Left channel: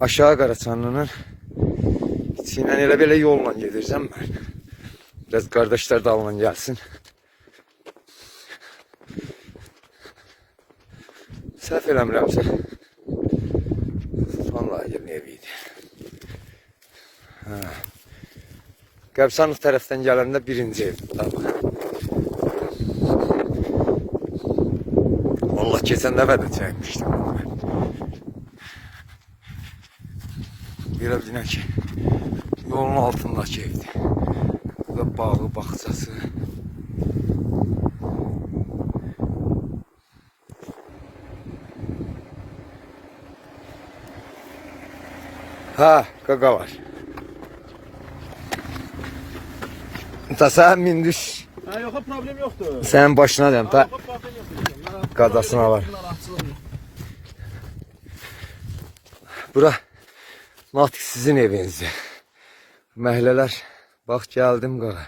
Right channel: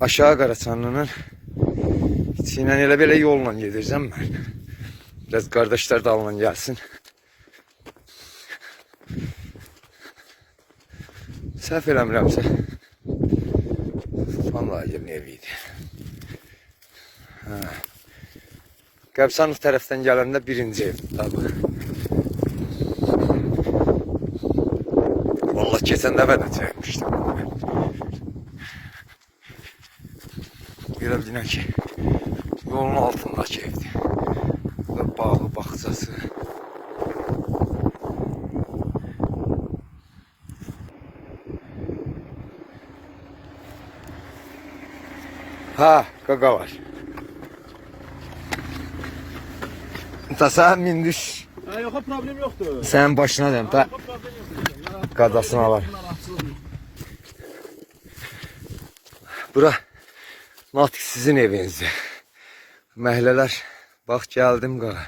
aşağı Qaraçanlının içindən elə belə yolla gedirəm mən. Biraz qardaşlar da alman gəlsin. Səhv eləmirəmsə. Vallahi yerin evi idi. Hə. Qəbsanlıq tərəfdən birinci ev. Tabii. Vallahi keçən dəfə də çəkmişdim. Belə bilin ki, yolun altındakı evdir. Burada bağı, bağçası. Ha, qaqa var. Ta sen mindiş. Ha yox, problem yoxdur. Senin başına diyeyim. Ta qadasına var. Bura Natiq sizin evinizdir. Məhlələr bax gəldim qağa.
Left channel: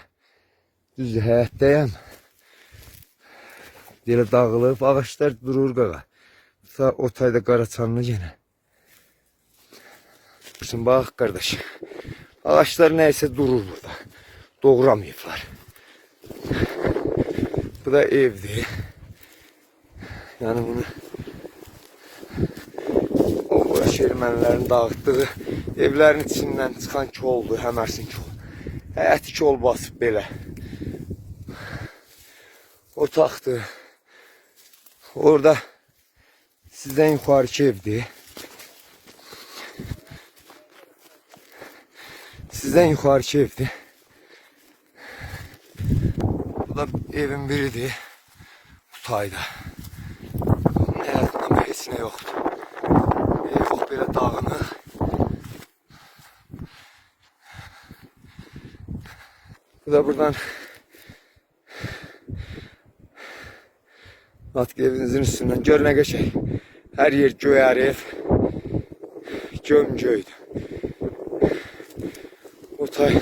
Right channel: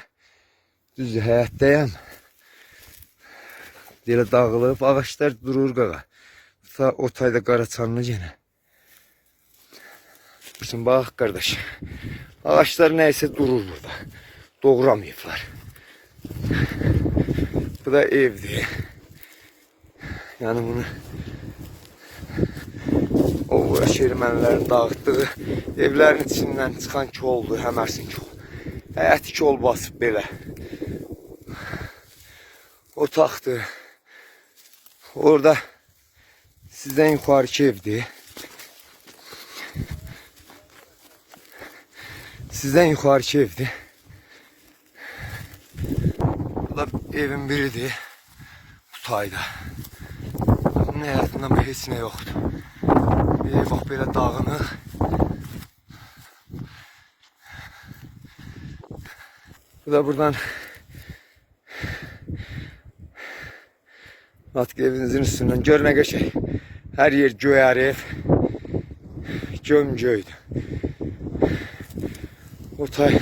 Düz həyətdəyəm. Belə dağılıb, ağaçlar durur qağa. Ta o tayda qaraçanlı yenə. Bizim bax qardaş. Ağaçlar nəysə durur burada. Doğramayıblar. Bu da evdir. Yani bunu ermənilərin dağıtdığı evlərin içindən çıxan koldur, həmərsin kol. Həyəti kol basıb belə. Otaqdır. Orada sizdən yuxarıki evdir. Sizdən yuxarıki evdir. Bu da evin biridir. Bu tayda. Bunun həyatında heç nə yoxdur. Ev bax belə dağınıq. Bu da buradan Artık evinizin üstünden gör ne geçey. Her yer göğer ev. Göm göydü. O tay.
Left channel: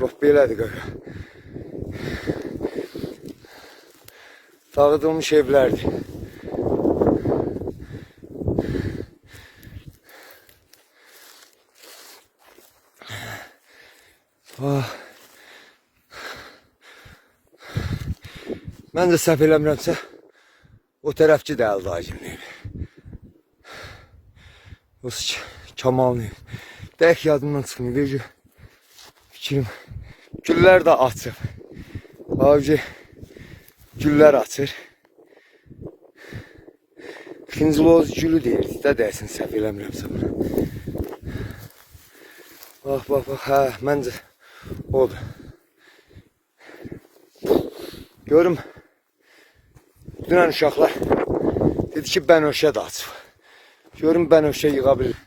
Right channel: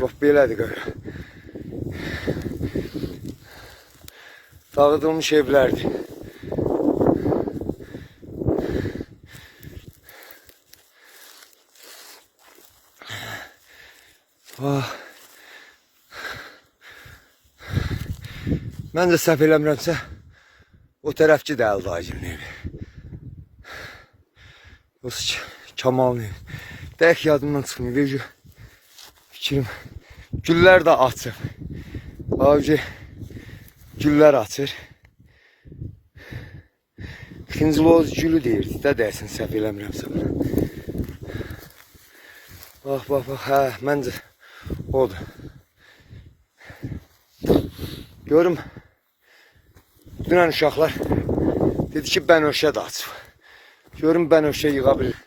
Bax belədir qaqa. Dağıdılmış evlerdi. Ah. Mən də səhv eləmirəmsə o tərəfki də Əldacımın evi. Yoxsa K- Kamalın evi. Dəyək yadımdan çıxmıyor. Bir gün fikrim. Güllər də açır. Abi güllər açır. Xıncıloz gülü deyirdi də dəyəsin səhv eləmirəmsə buna. Bax, bax, bax, hə, məncə odur. Görüm. Dünən uşaqlar dedi ki, bənövşə də açıb. Görüm bənövşə yığa bilir.